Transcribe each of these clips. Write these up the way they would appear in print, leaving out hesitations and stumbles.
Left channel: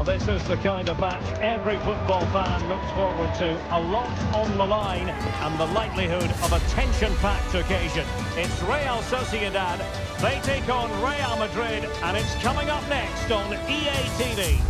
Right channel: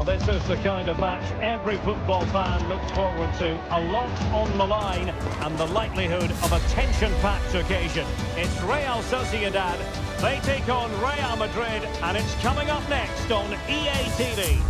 Well, this is the kind of match every football fan looks forward to. A lot on the line and the likelihood of a tension-packed occasion. It's Real Sociedad. They take on Real Madrid, and it's coming up next on EA TV.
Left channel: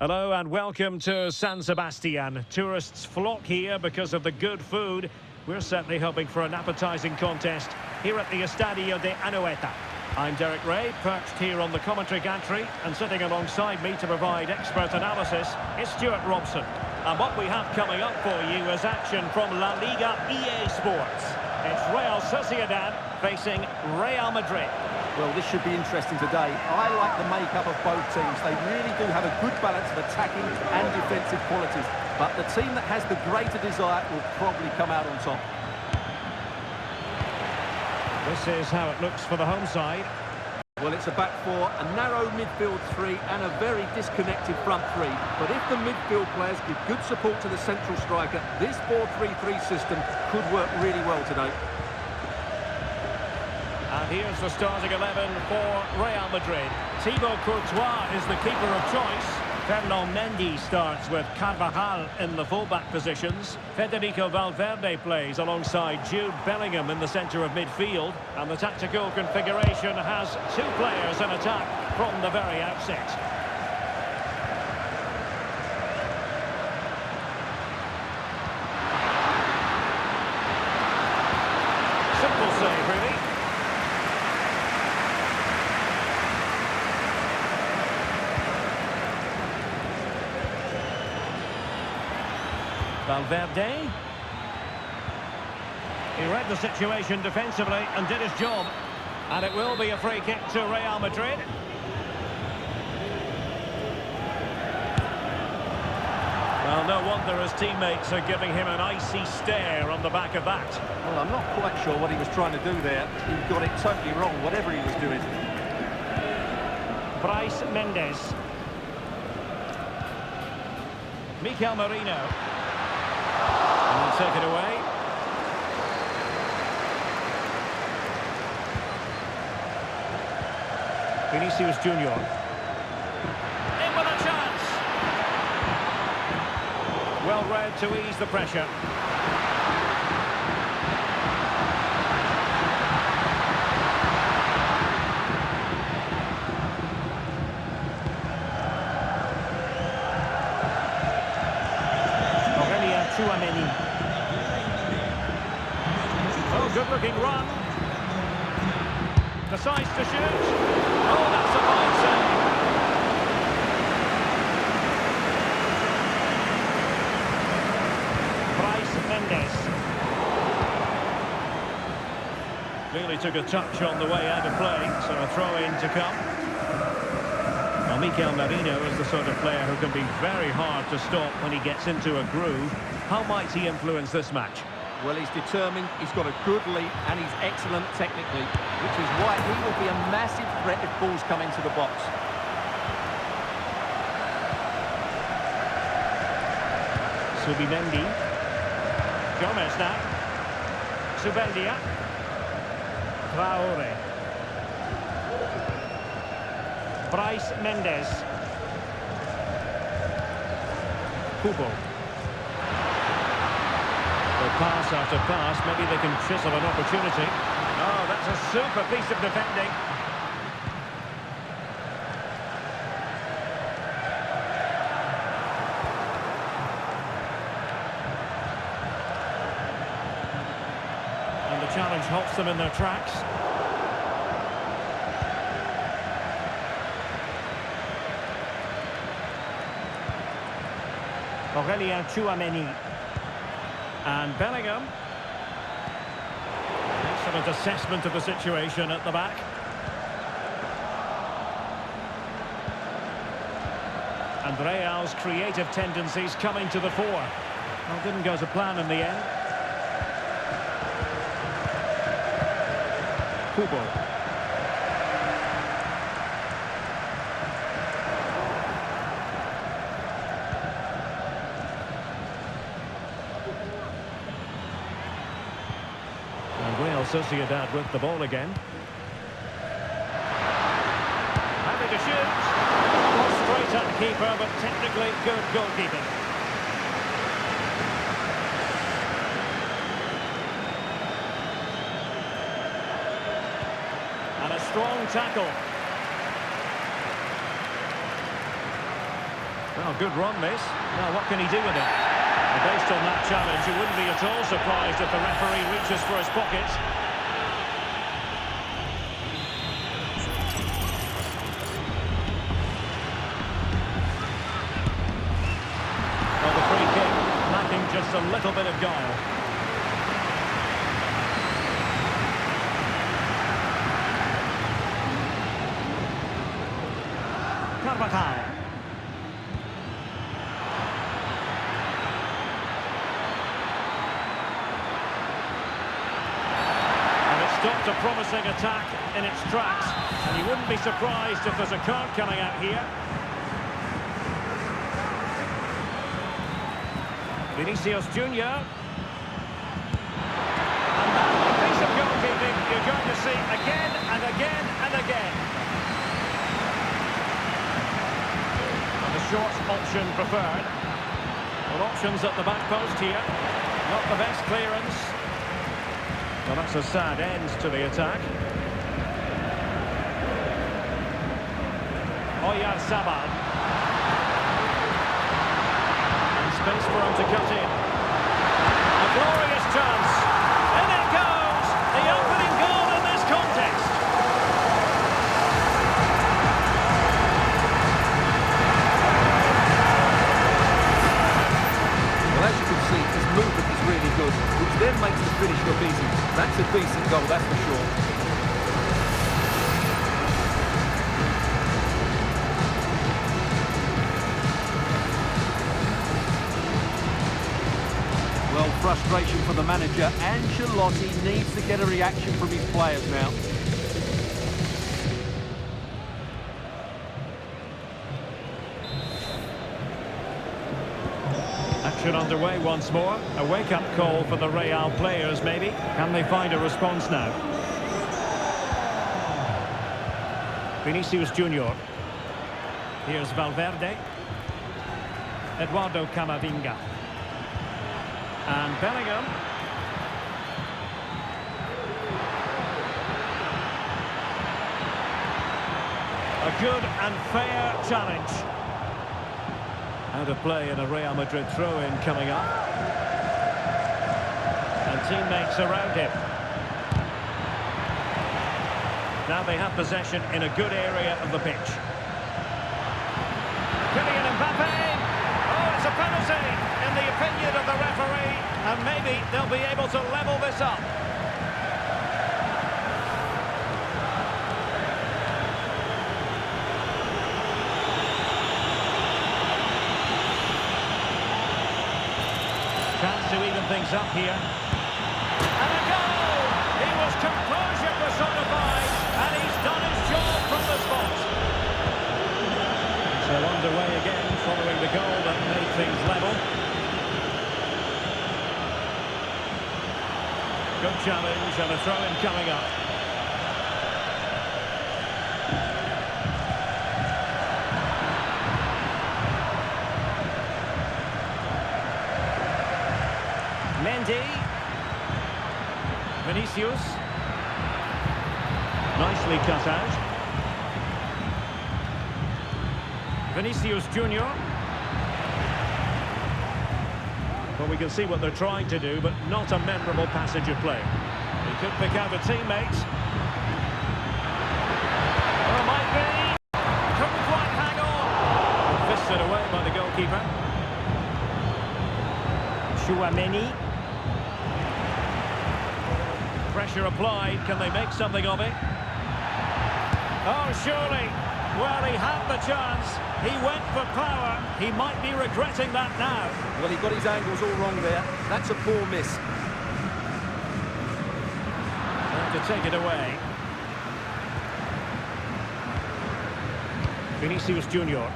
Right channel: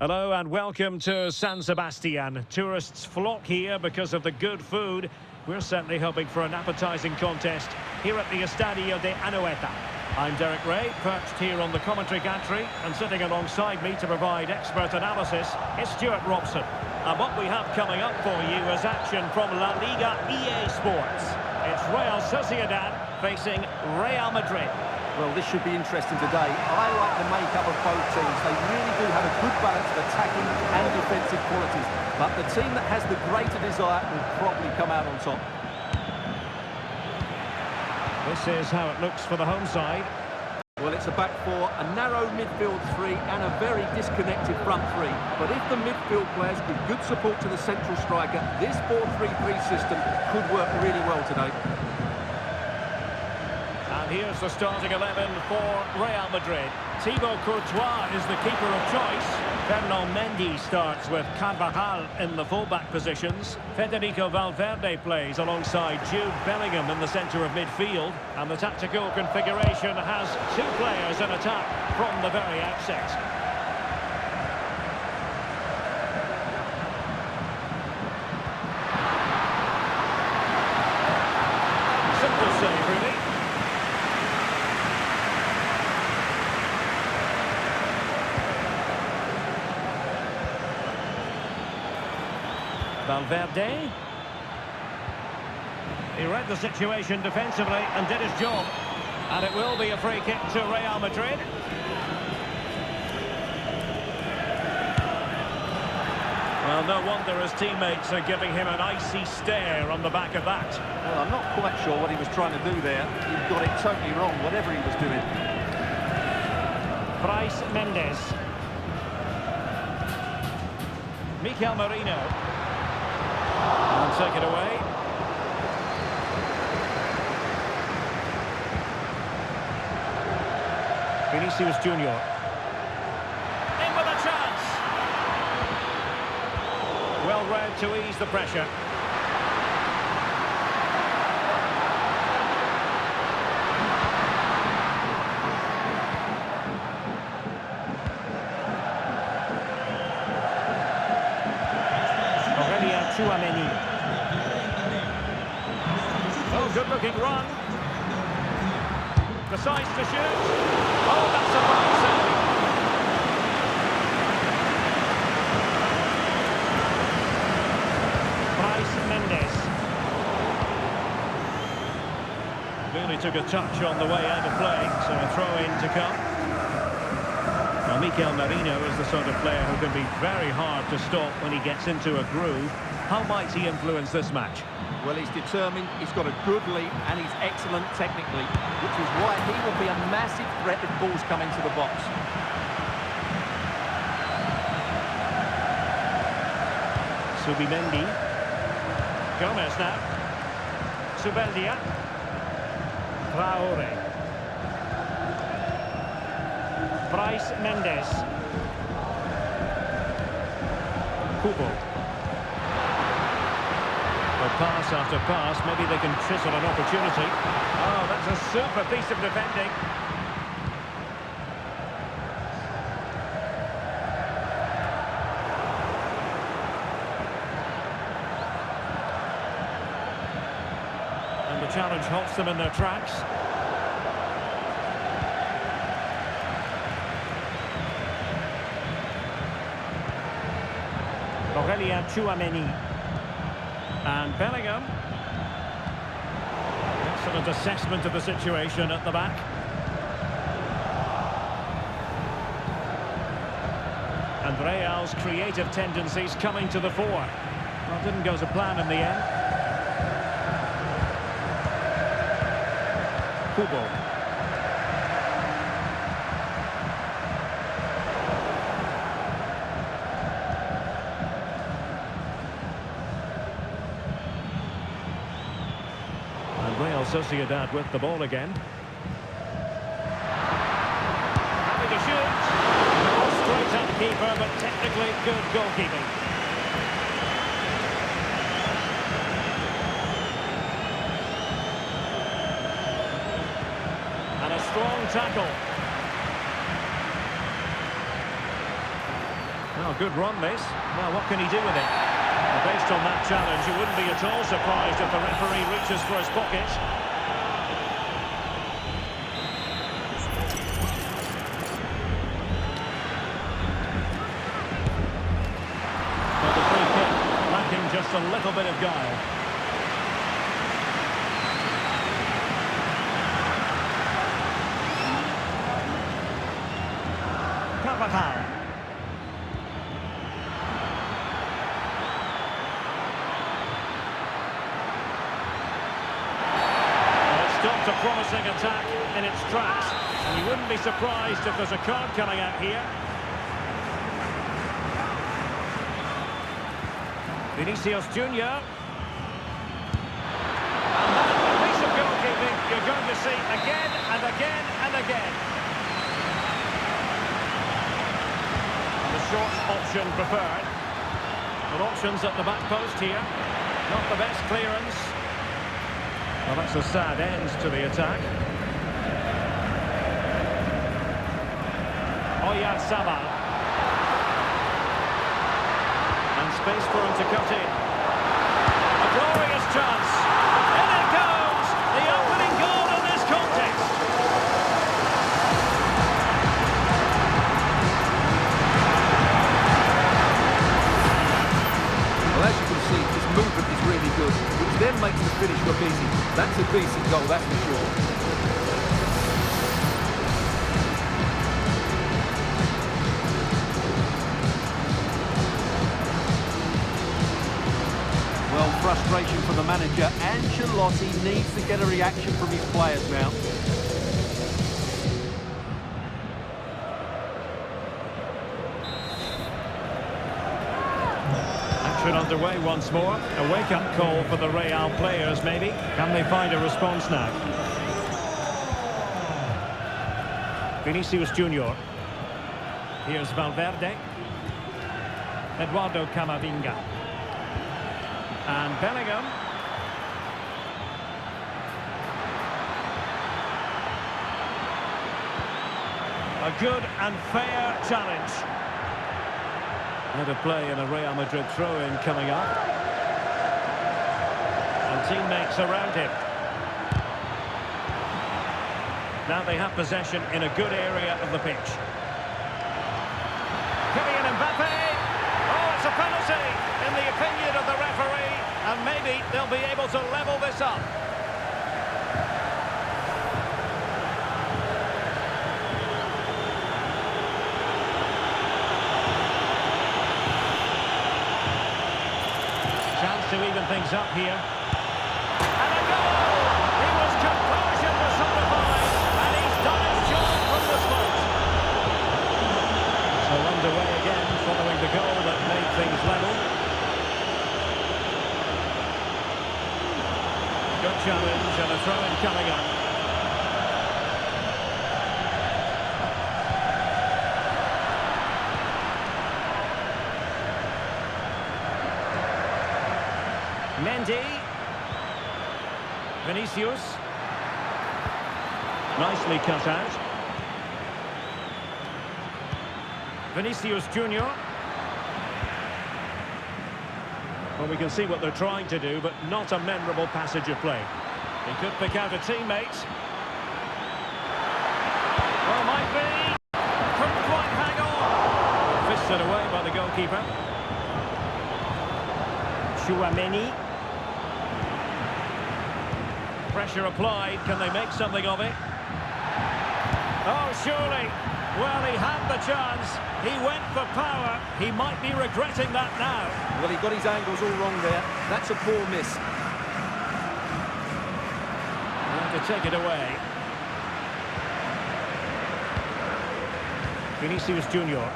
Hello and welcome to San Sebastian. Tourists flock here because of the good food. We're certainly hoping for an appetising contest here at the Estadio de Anoeta. I'm Derek Ray, perched here on the commentary gantry, and sitting alongside me to provide expert analysis is Stuart Robson. And what we have coming up for you is action from LaLiga EA Sports. It's Real Sociedad facing Real Madrid. Well, this should be interesting today. I like the makeup of both teams. They really do have a good balance of attacking and defensive qualities. But the team that has the greater desire will probably come out on top. This is how it looks for the home side. Well, it's a back four, a narrow midfield three and a very disconnected front three. But if the midfield players give good support to the central striker, this 4-3-3 system could work really well today. And here's the starting 11 for Real Madrid. Thibaut Courtois is the keeper of choice. Ferland Mendy starts with Carvajal in the fullback positions. Federico Valverde plays alongside Jude Bellingham in the centre of midfield. And the tactical configuration has two players in attack from the very outset. Simple save, really. Valverde. He read the situation defensively and did his job. And it will be a free kick to Real Madrid. Well, no wonder his teammates are giving him an icy stare on the back of that. Well, I'm not quite sure what he was trying to do there. He got it totally wrong, whatever he was doing. Bryce Mendes. Mikel Merino. And take it away. Vinicius Junior. In with a chance. Well read to ease the pressure. Oh, good-looking run. Decides to shoot. Oh, that's a fine save. Bryce Mendes. Really took a touch on the way out of play, so a throw-in to come. Well, Mikel Merino is the sort of player who can be very hard to stop when he gets into a groove. How might he influence this match? Well, he's determined, he's got a good leap, and he's excellent technically, which is why he will be a massive threat if balls come into the box. Subimendi. Gomez now. Subeldia. Traore. Bryce Mendes. Kubo. Well, pass after pass, maybe they can chisel an opportunity. Oh, that's a super piece of defending. And the challenge halts them in their tracks. Aurélien Tchouameni. And Bellingham. Excellent assessment of the situation at the back. And Real's creative tendencies coming to the fore. Well, didn't go to plan in the end. Kubo. And Real Sociedad with the ball again. Happy to shoot. The ball straight at the keeper, but technically good goalkeeping. And a strong tackle. Well, good run, this. Now, what can he do with it? Well, based on that challenge, you wouldn't be at all surprised if the referee reaches for his pocket. Well, the free kick, lacking just a little bit of guile. Carvajal. And it stopped a promising attack in its tracks. And you wouldn't be surprised if there's a card coming out here. Vinicius Junior. And that, a piece of goalkeeping you're going to see again and again and again. And the short option preferred. Well, options at the back post here. Not the best clearance. Well, that's a sad end to the attack. Oyarzabal. And space for him to cut in. A glorious chance. In it goes! The opening goal in this contest. Well, as you can see, his movement is really good, which then makes the finish look easy. That's a decent goal, that's for sure. Well, frustration for the manager. Ancelotti needs to get a reaction from his players now. Action underway once more. A wake-up call for the Real players, maybe. Can they find a response now? Vinicius Junior. Here's Valverde. Eduardo Camavinga. And Bellingham. A good and fair challenge. Out of play and a Real Madrid throw-in coming up. And teammates around him. Now they have possession in a good area of the pitch. Kylian Mbappe. Oh, it's a penalty, in the opinion of the referee, and maybe they'll be able to level this up. Chance to even things up here. And a goal! He was composure personified, and he's done his job from the spot. So underway again, following the goal that made things level. Good challenge and a throw-in coming up. Mendy. Vinicius. Nicely cut out. Vinicius Junior. Well, we can see what they're trying to do, but not a memorable passage of play. He could pick out a teammate. Oh, might be. Couldn't quite hang on. Well, fisted away by the goalkeeper. Chouameni. Pressure applied. Can they make something of it? Oh, surely. Well, he had the chance. He went for power. He might be regretting that now. Well, he got his angles all wrong there. That's a poor miss. And to take it away. Vinicius Junior.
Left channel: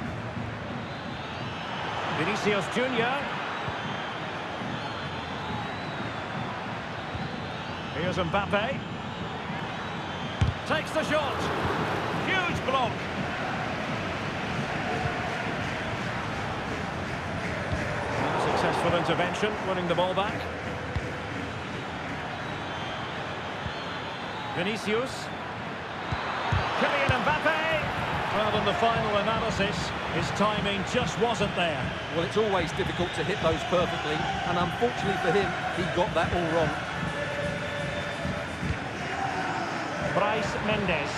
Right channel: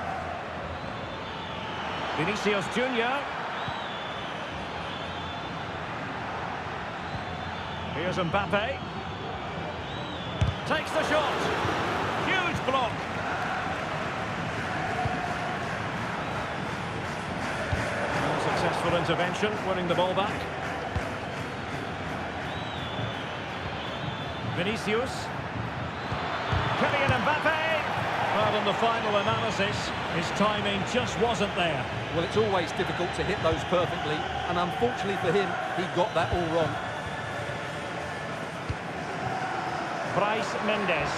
Vinicius Junior. Here's Mbappe. Takes the shot. Huge block. Useful intervention, winning the ball back. Vinicius. Kylian Mbappe. Well, in the final analysis, his timing just wasn't there. Well, it's always difficult to hit those perfectly, and unfortunately for him, he got that all wrong. Bryce Mendes.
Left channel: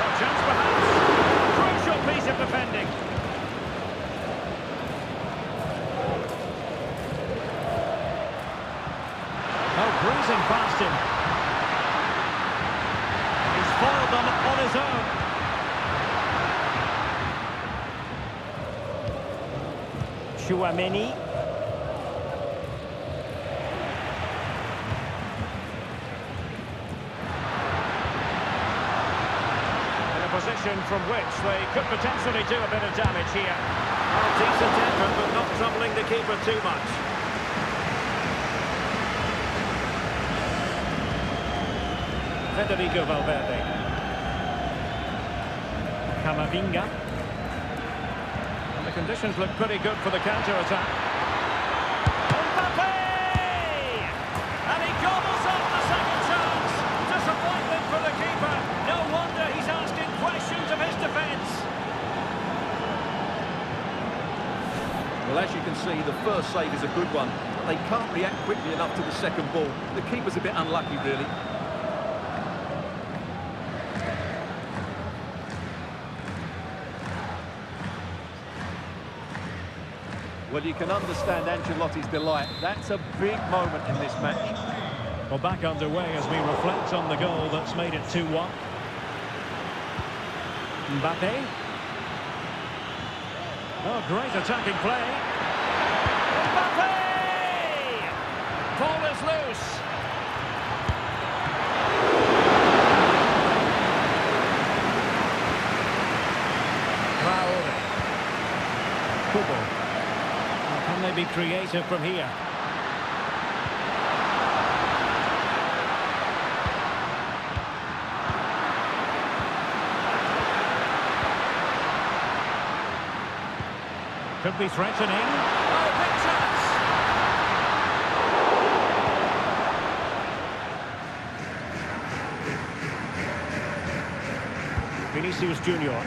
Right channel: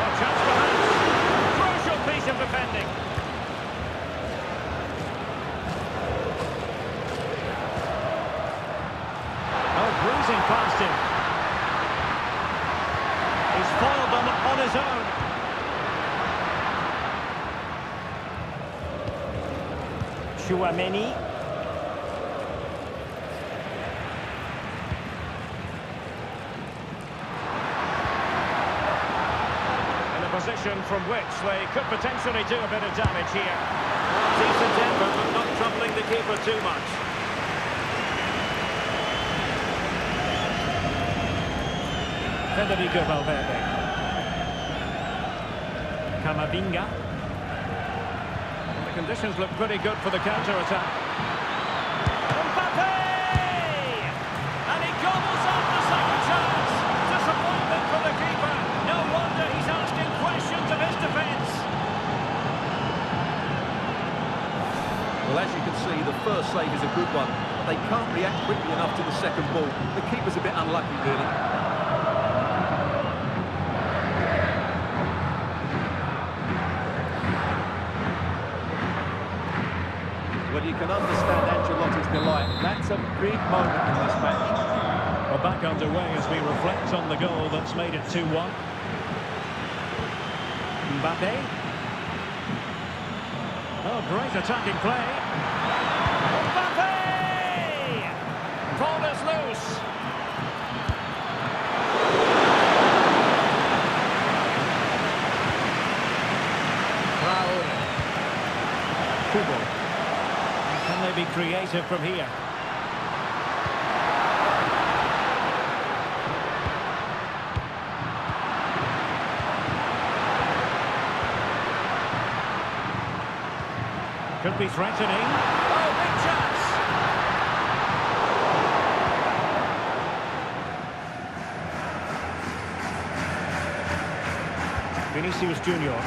Oh, chance perhaps. Crucial piece of defending. Oh, bruising past him. He's foiled them on his own. Chouameni. In a position from which they could potentially do a bit of damage here. Well, decent effort, but not troubling the keeper too much. Federico Valverde. Camavinga. And the conditions look pretty good for the counter-attack. Mbappe! And he gobbles up the second chance. Disappointment for the keeper. No wonder he's asking questions of his defence. Well, as you can see, the first save is a good one, but they can't react quickly enough to the second ball. The keeper's a bit unlucky, really. Well, you can understand Ancelotti's delight. That's a big moment in this match. Well, back underway as we reflect on the goal that's made it 2-1. Mbappe. Oh, great attacking play. Mbappe! Ball is loose. Traore. Kubo. Can they be creative from here? Could be threatening. Oh, big chance! Vinicius Junior.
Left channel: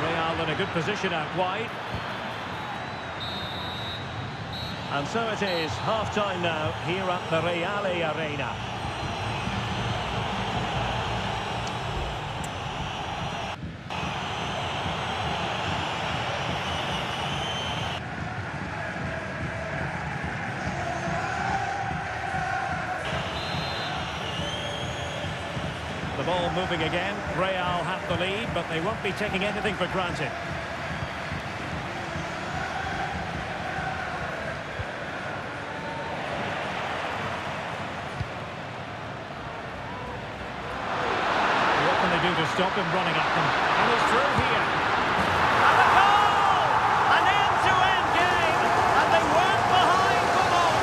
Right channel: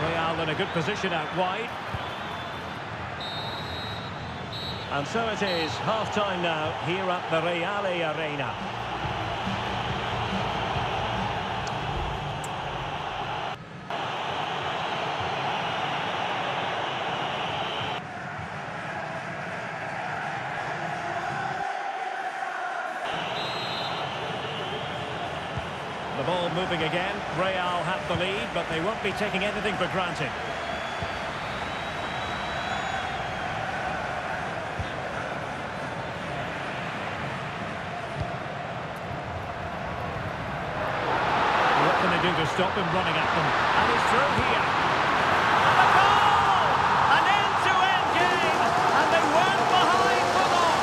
Real in a good position out wide. And so it is, half-time now, here at the Real Arena. The ball moving again. Real have the lead, but they won't be taking anything for granted. What can they do to stop him running at them? And he's through here. And a goal! An end-to-end game, and they weren't behind for long.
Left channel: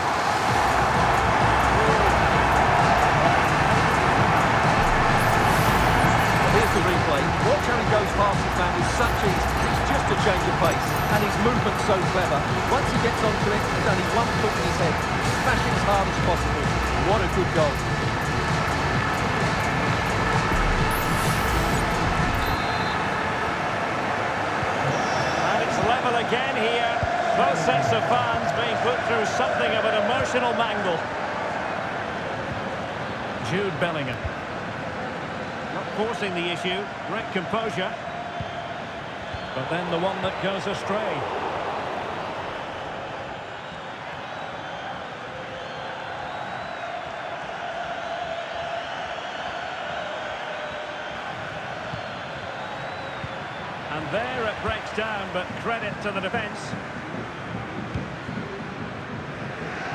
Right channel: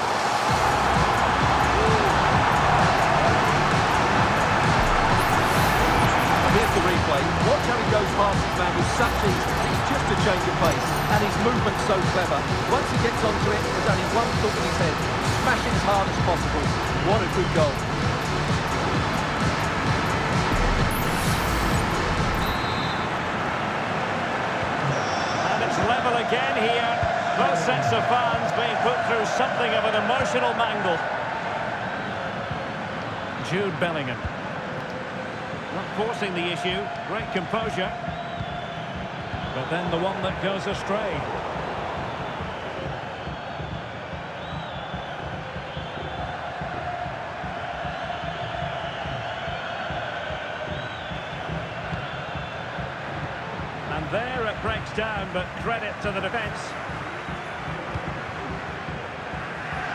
Here's the replay. Watch how he goes past his man with such ease. It's just a change of pace, and his movement's so clever. Once he gets onto it, there's only one thought in his head: smash it as hard as possible. What a good goal. And it's level again here. Both sets of fans being put through something of an emotional mangle. Jude Bellingham. Not forcing the issue, great composure. But then the one that goes astray. And there it breaks down, but credit to the defence.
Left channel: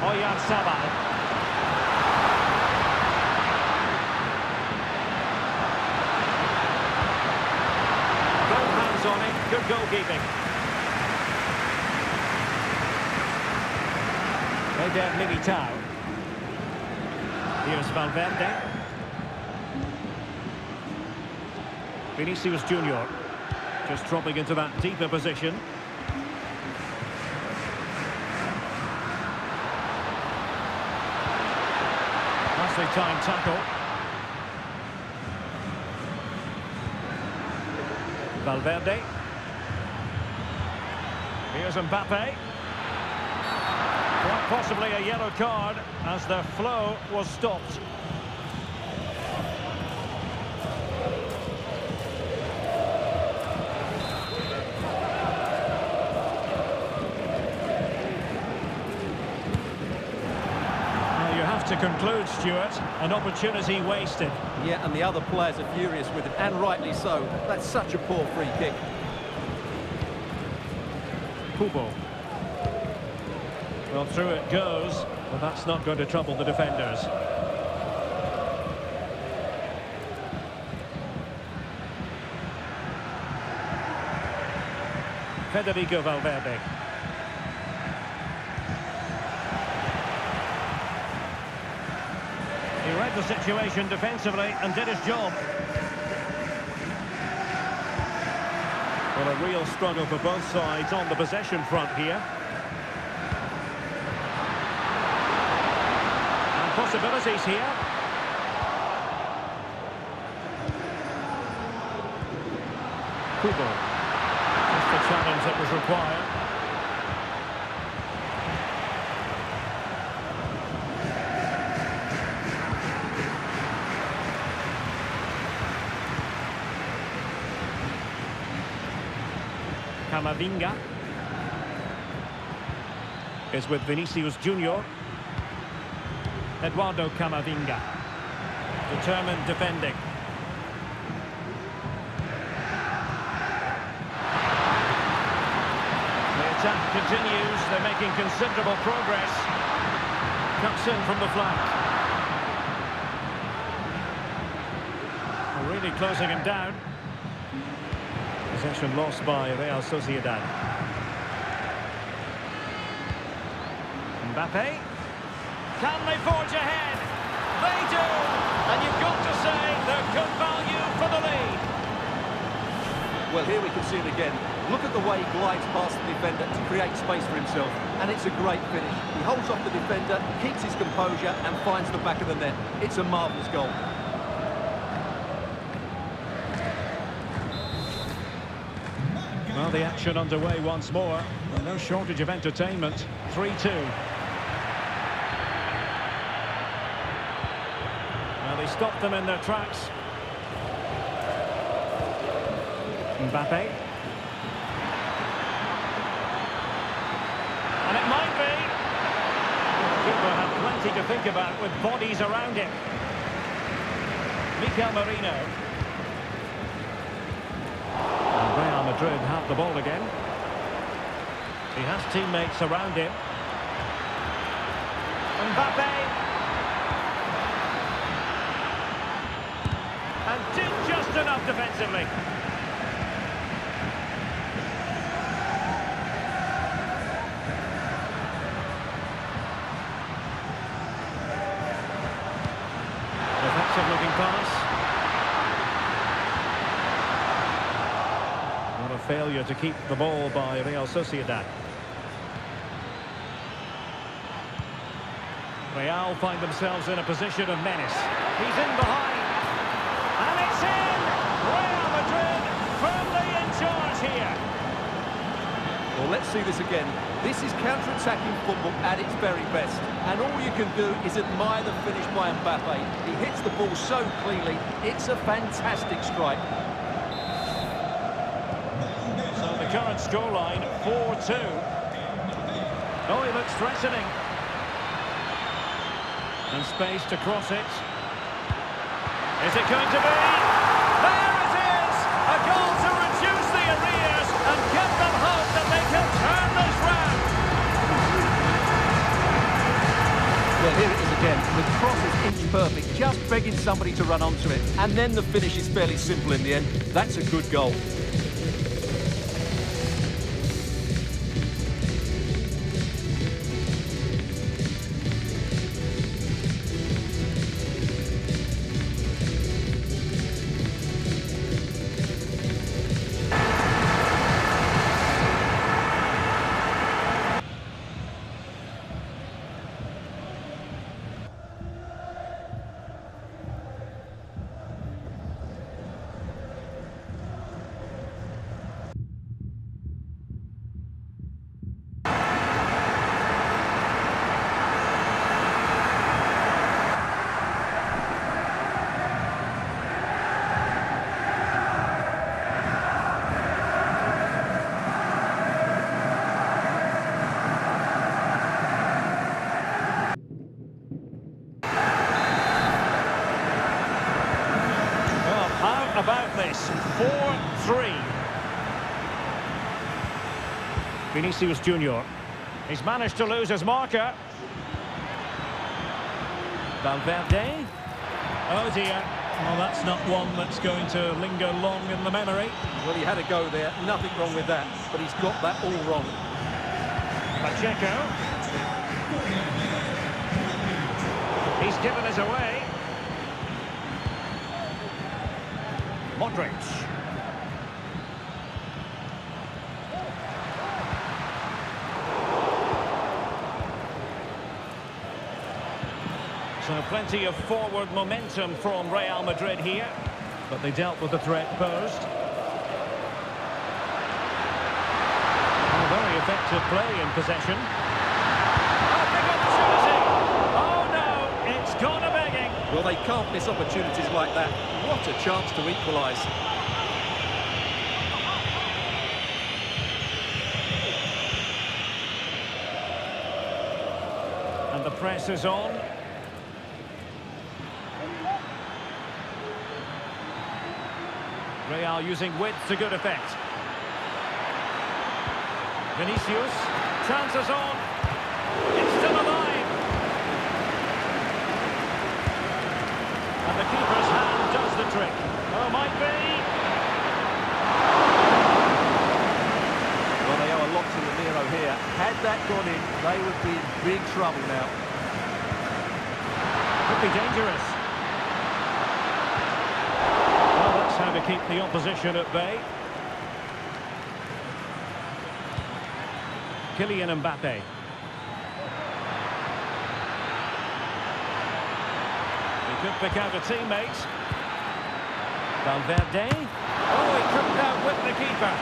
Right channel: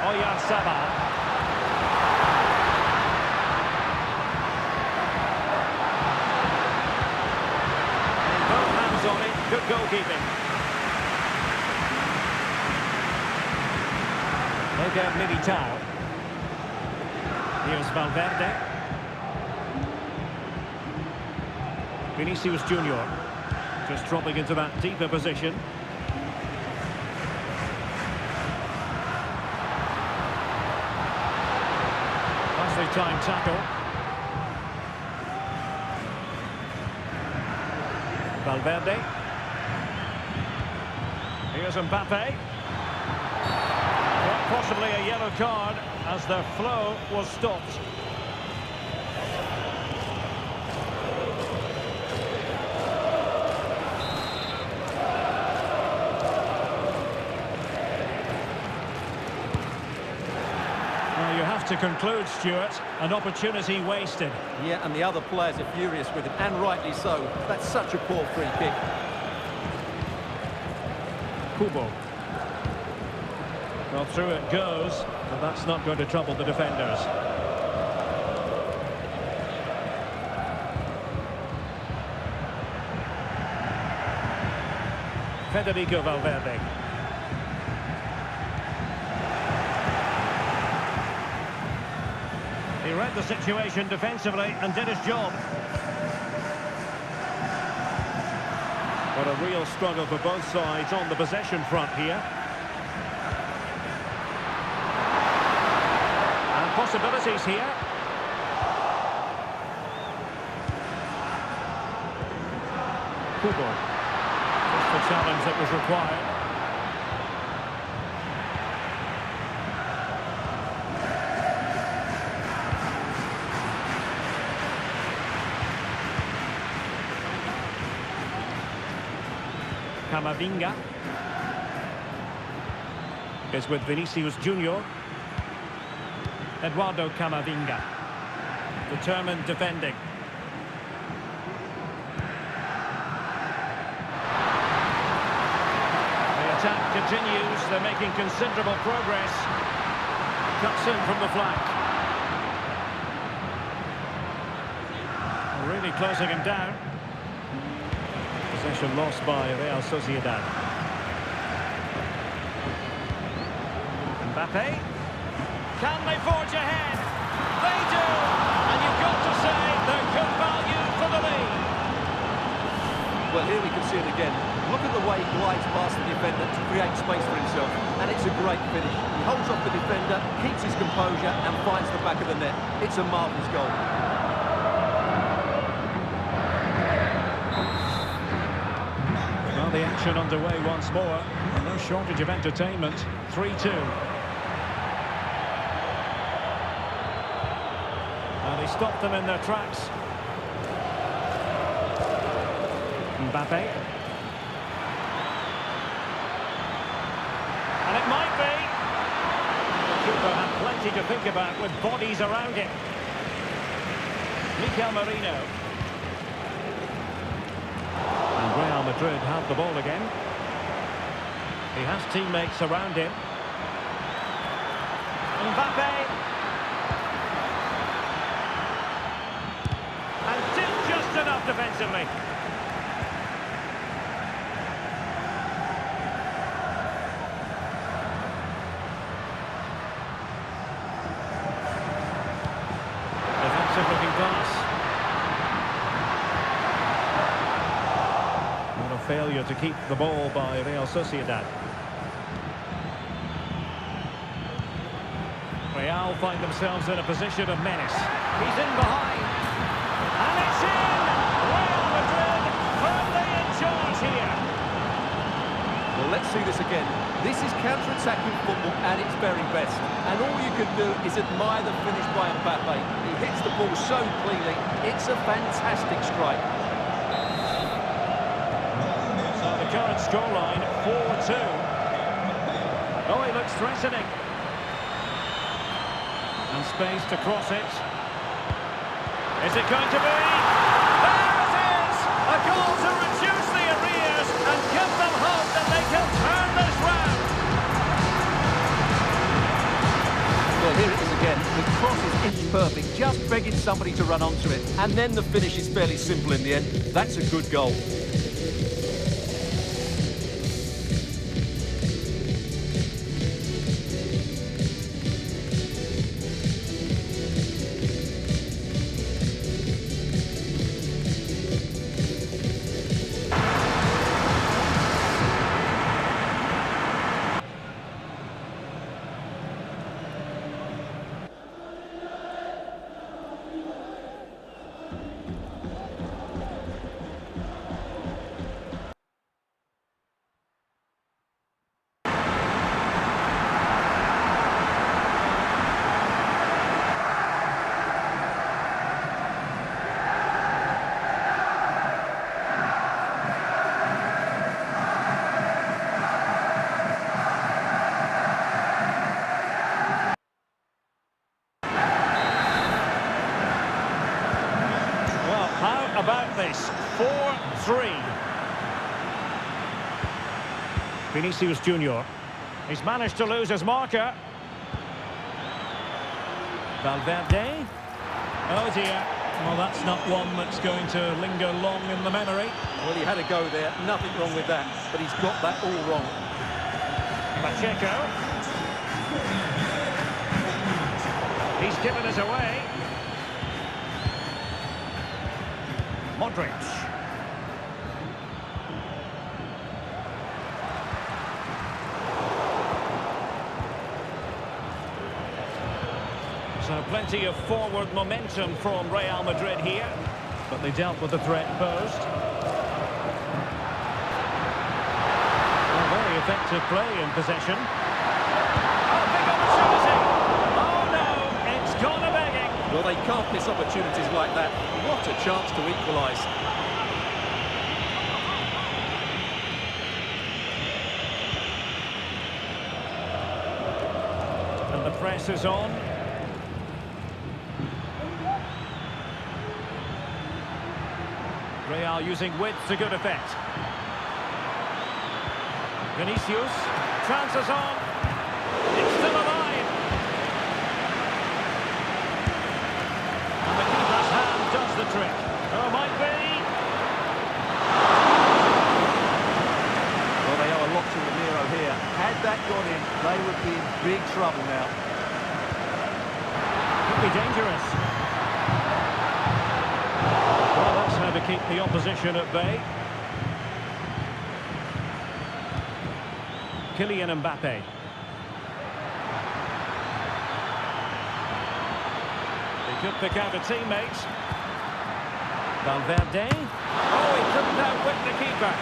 Oyarzabal. Both hands on it, good goalkeeping. Eder Militao. Here's Valverde. Vinicius Junior. Just dropping into that deeper position. Nicely timed tackle. Valverde. Here's Mbappe. Quite possibly a yellow card as their flow was stopped. Well, you have to conclude, Stuart, an opportunity wasted. Yeah, and the other players are furious with it, and rightly so. That's such a poor free kick. Kubo. Well, through it goes, but that's not going to trouble the defenders. Federico Valverde. He read the situation defensively and did his job. Well, a real struggle for both sides on the possession front here. And possibilities here. Kubo. Just the challenge that was required. Camavinga is with Vinicius Junior. Eduardo Camavinga, determined defending. The attack continues, they're making considerable progress. Cuts in from the flank. Really closing him down. Possession lost by Real Sociedad. Mbappe. Can they forge ahead? They do! And you've got to say they're good value for the lead. Well, here we can see it again. Look at the way he glides past the defender to create space for himself. And it's a great finish. He holds off the defender, keeps his composure and finds the back of the net. It's a marvellous goal. Well, the action underway once more. No shortage of entertainment. 3-2. Well, they stopped them in their tracks. Mbappe. And it might be. The keeper had plenty to think about with bodies around him. Mikel Merino. And Real Madrid have the ball again. He has teammates around him. Mbappe. And did just enough defensively. Defensive looking pass. Not a failure to keep the ball by Real Sociedad. Real find themselves in a position of menace. He's in behind. And it's in! Real Madrid firmly in charge here. Well, let's see this again. This is counter-attacking football at its very best. And all you can do is admire the finish by Mbappe. He hits the ball so cleanly. It's a fantastic strike. So the current scoreline, 4-2. Oh, he looks threatening. And space to cross it. Is it going to be? There it is! A goal to reduce the arrears and give them hope that they can turn this round. Well, here it is again. The cross is inch perfect, just begging somebody to run onto it. And then the finish is fairly simple in the end. That's a good goal. this. 4-3. Vinicius Junior. He's managed to lose his marker. Valverde. Oh dear. Well, that's not one that's going to linger long in the memory. Well, he had a go there. Nothing wrong with that. But he's got that all wrong. Pacheco. He's given us away. Modric. So plenty of forward momentum from Real Madrid here, but they dealt with the threat posed. Well, very effective play in possession. Oh, big opportunity! Oh no, it's gone a begging. Well, they can't miss opportunities like that. What a chance to equalise. And the press is on. Real using width to good effect. Vinicius, chances on. It's still alive. And the keeper's hand does the trick. Oh, might be. Well, they owe a lot to Ramiro here. Had that gone in, they would be in big trouble now. Could be dangerous. Well, that's how to keep the opposition at bay. Kylian Mbappe. He could pick out a teammate. Valverde. Oh, he couldn't outwit the keeper.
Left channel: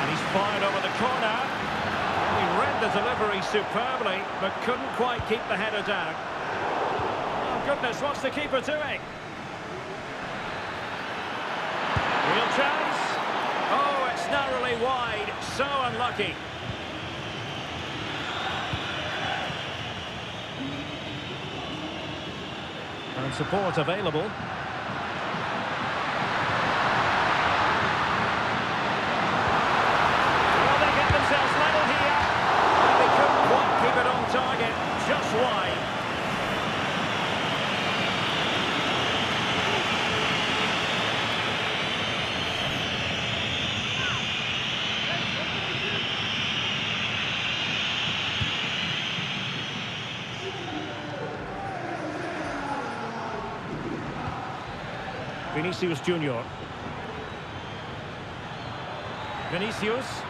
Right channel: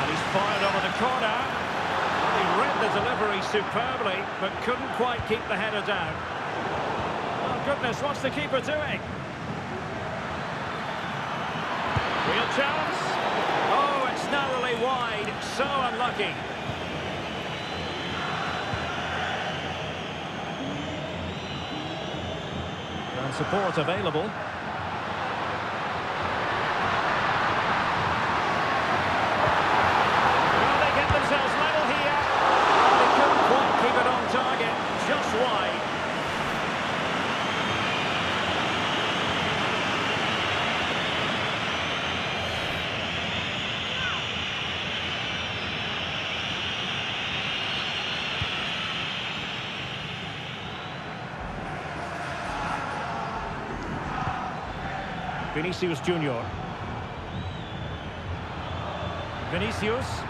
And he's fired over the corner. Well, he read the delivery superbly, but couldn't quite keep the header down. Oh, goodness, what's the keeper doing? Real chance. Oh, it's narrowly wide. So unlucky. And support available. Well, they get themselves level here. And they couldn't quite keep it on target. Just wide. Vinicius Junior. Vinicius.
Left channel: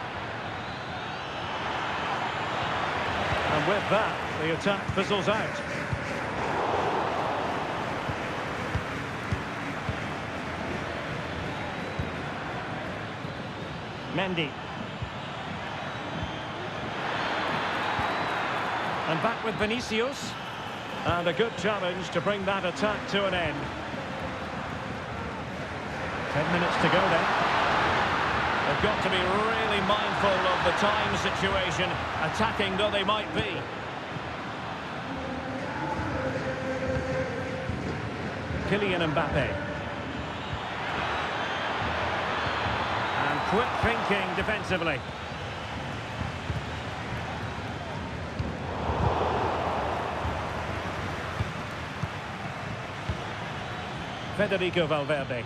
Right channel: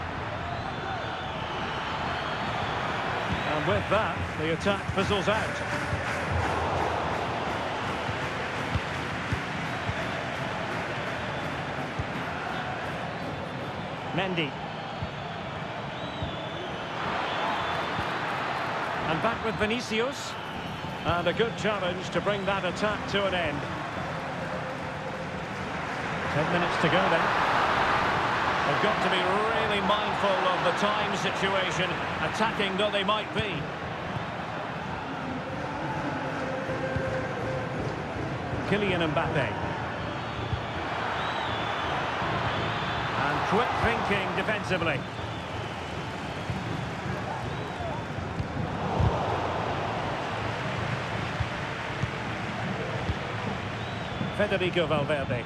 And with that, the attack fizzles out. Mendy. And back with Vinicius. And a good challenge to bring that attack to an end. 10 minutes to go then. They've got to be really mindful of the time situation, attacking though they might be. Kylian Mbappe. And quick thinking defensively. Federico Valverde.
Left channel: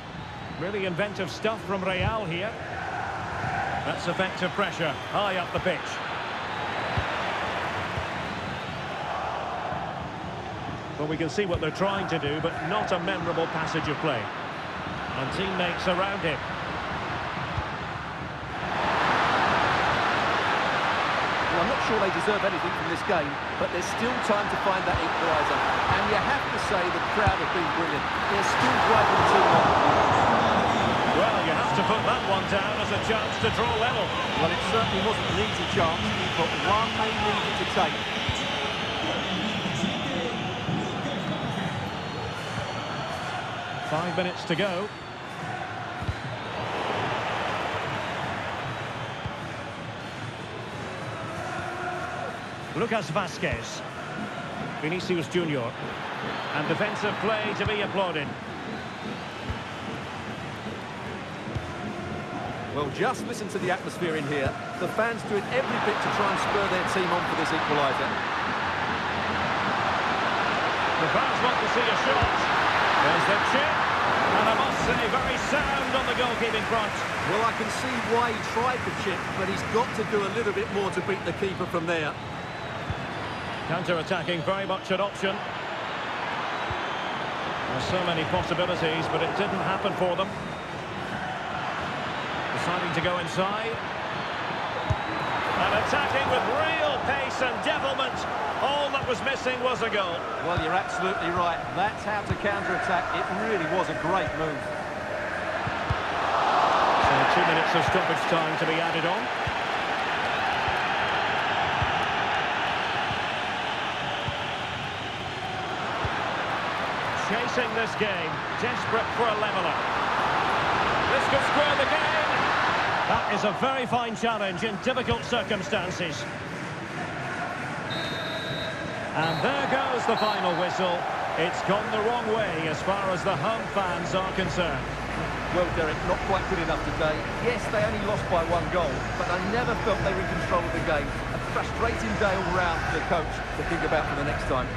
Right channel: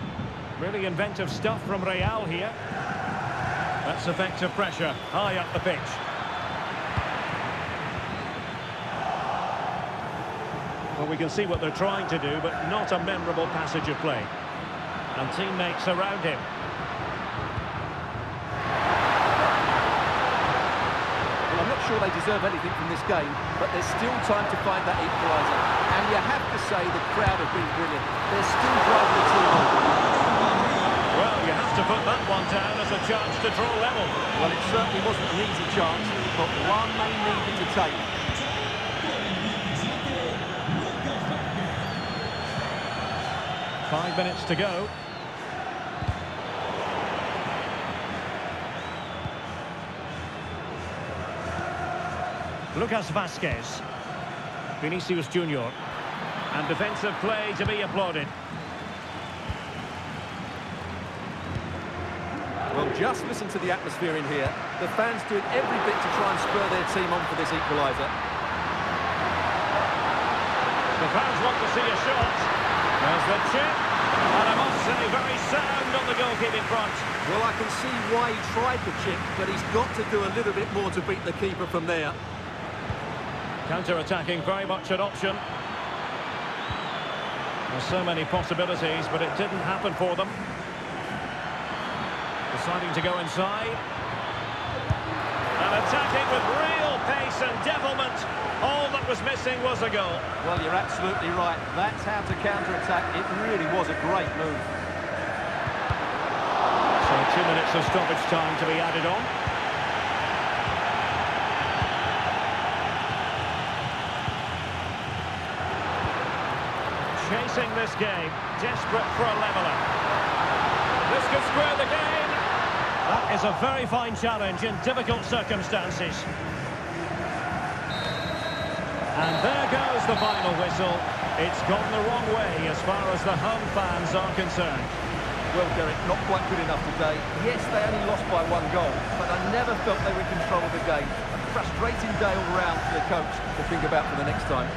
Really inventive stuff from Real here. That's effective pressure, high up the pitch. Well, we can see what they're trying to do, but not a memorable passage of play. And teammates around him. Well, I'm not sure they deserve anything from this game, but there's still time to find that equaliser. And you have to say the crowd have been brilliant. They're still driving the team on. Well, you have to put that one down as a chance to draw level. Well, it certainly wasn't an easy chance, but one they needed to take. Five minutes to go. Lucas Vazquez. Vinicius Junior. And defensive play to be applauded. Well, just listen to the atmosphere in here. The fans doing every bit to try and spur their team on for this equaliser. The fans want to see a shot. There's the chip. And I must say, very sound on the goalkeeping front. Well, I can see why he tried the chip, but he's got to do a little bit more to beat the keeper from there. Counter-attacking, very much an option. There's so many possibilities, but it didn't happen for them. Deciding to go inside. And attacking with real pace and devilment. All that was missing was a goal. Well, you're absolutely right. That's how to counter-attack. It really was a great move. So 2 minutes of stoppage time to be added on. Chasing this game, desperate for a leveller. This could square the game. That is a very fine challenge in difficult circumstances. And there goes the final whistle. It's gone the wrong way as far as the home fans are concerned. Well, Derek, not quite good enough today. Yes, they only lost by 1 goal, but I never felt they were in control of the game. A frustrating day all round for the coach to think about for the next time.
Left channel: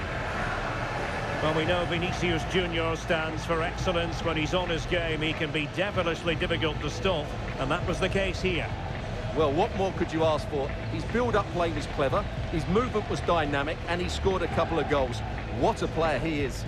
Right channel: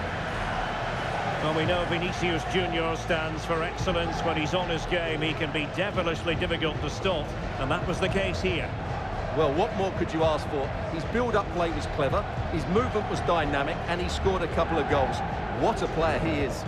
Well, we know Vinicius Junior stands for excellence. When he's on his game, he can be devilishly difficult to stop, and that was the case here. Well, what more could you ask for? His build-up play was clever, his movement was dynamic, and he scored a couple of goals. What a player he is.